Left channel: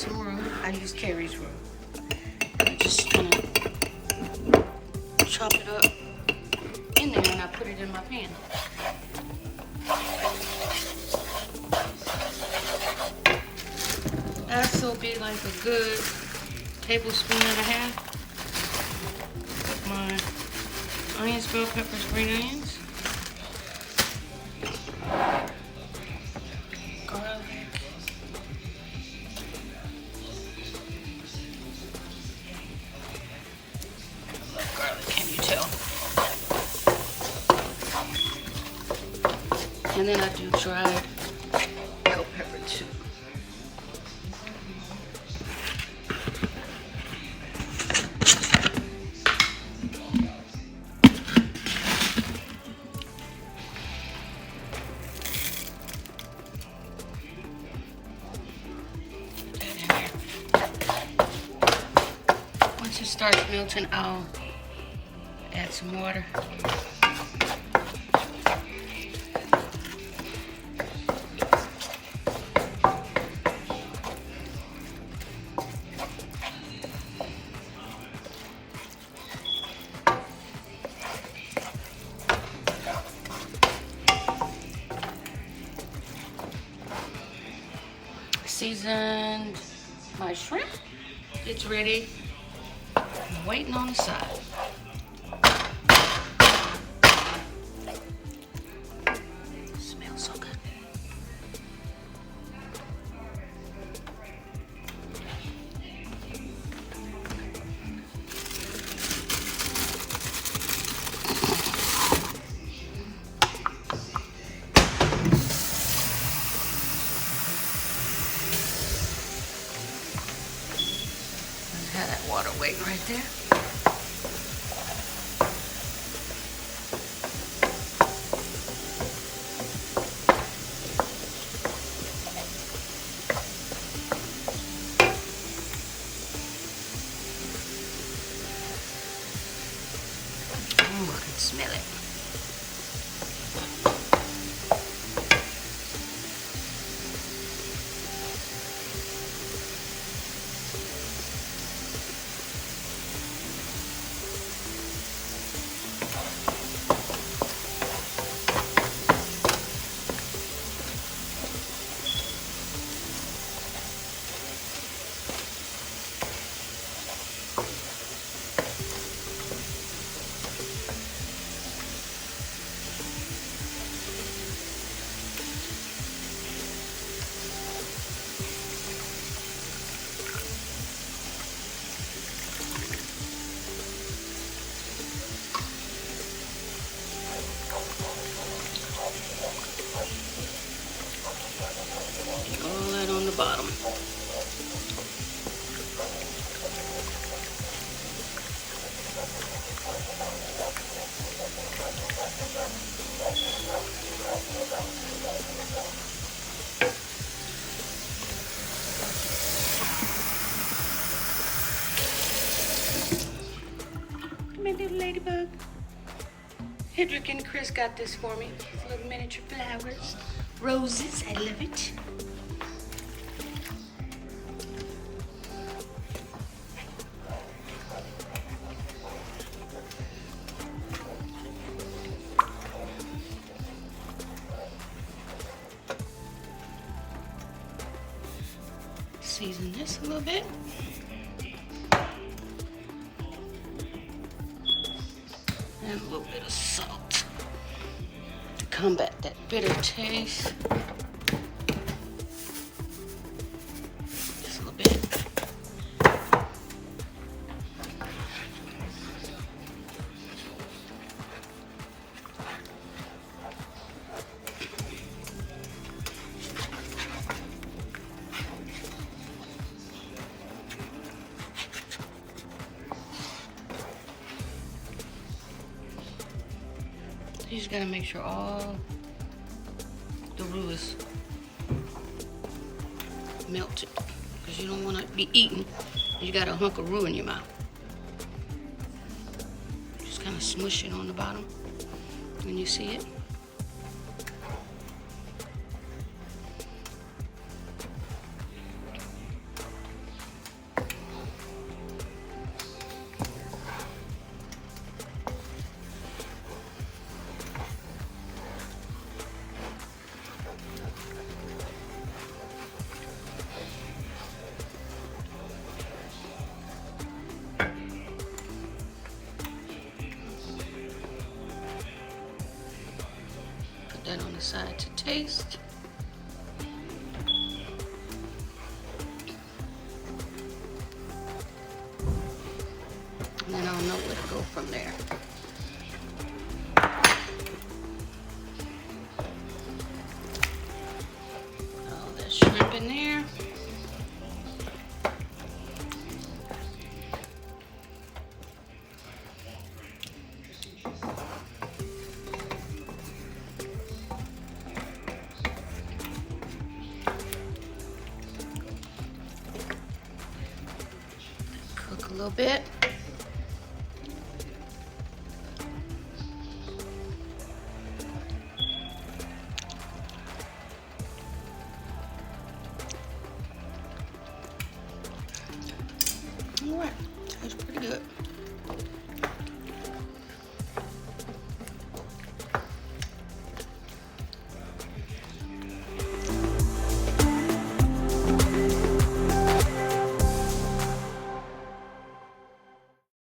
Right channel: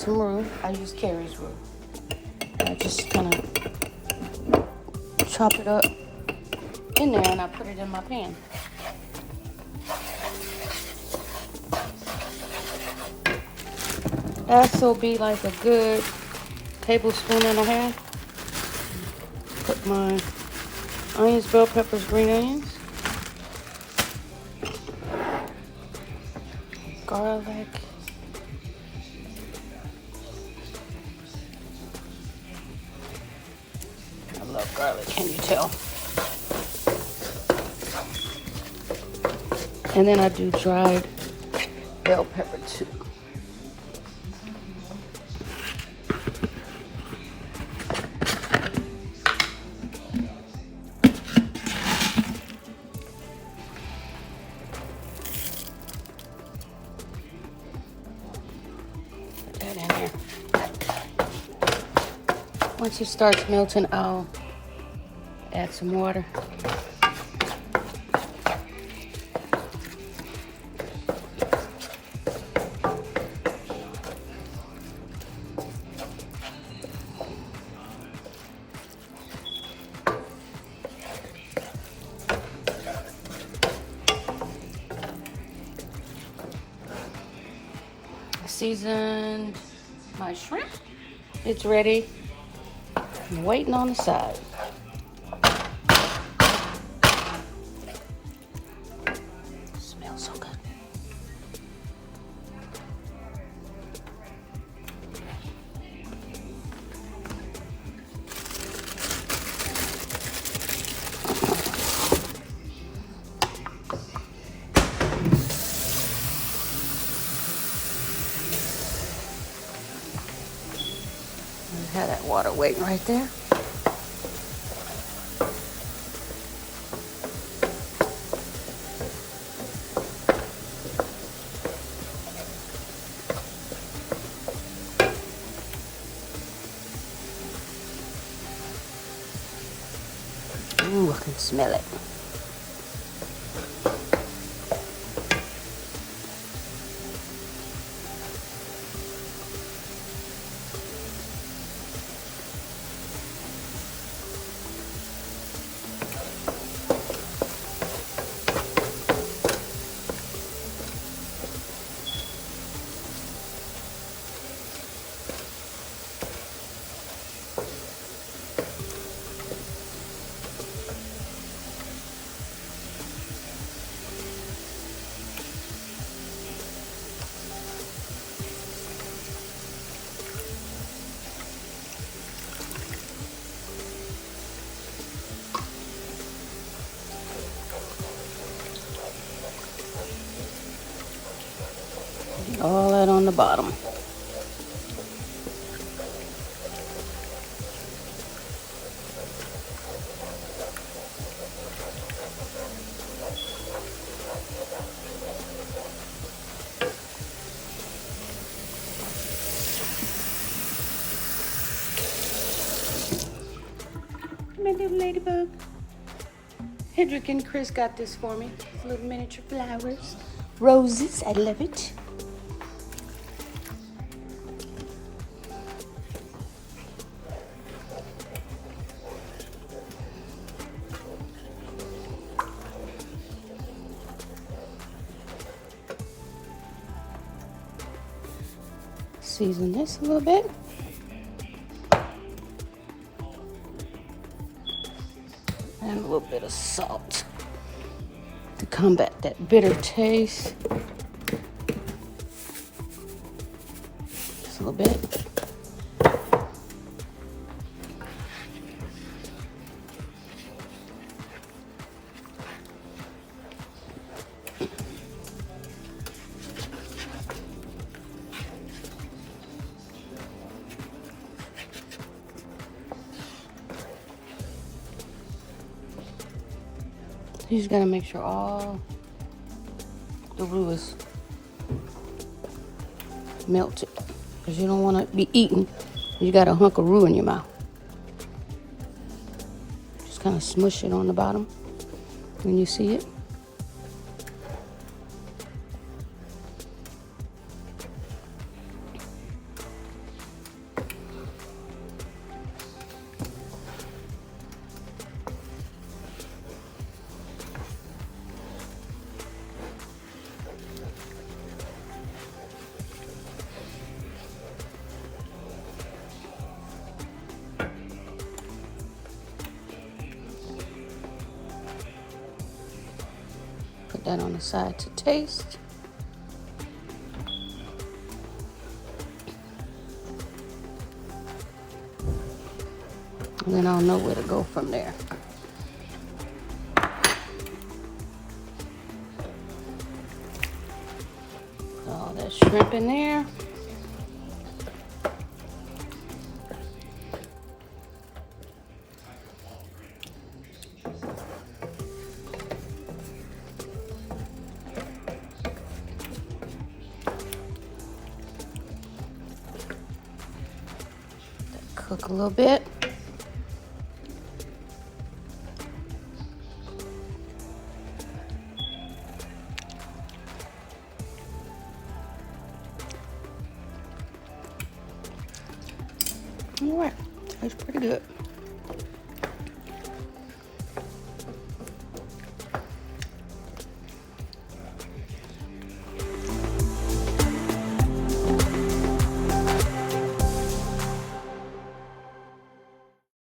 some roux. I use Carrie's roux. I just kind of chop it up in there and I put it in my pan. That'll be like a good tablespoon and a half. Put my onions, bell peppers, green onions, garlic, I love garlic, can you tell? And then I do dried bell pepper too. Once it starts melting, I'll add some water. Seasoned my shrimp. It's ready. I'm waiting on the side. Smells so good. Have that water waiting right there. Ooh, I can smell it. All that on the bottom. Come here, little ladybug. Hedrick and Chris got this for me. Little miniature flowers. Roses, I love it. Season this a little bit. And a little bit of salt to combat that bitter taste. Just a little bit. You just gotta make sure all the roux is melted, because you don't want to be eating. You got a hunk of roux in your mouth. Just kind of smush it on the bottom when you see it. that on the side to taste. And then I'll know where to go from there. All that shrimp in there. Cook a little bit.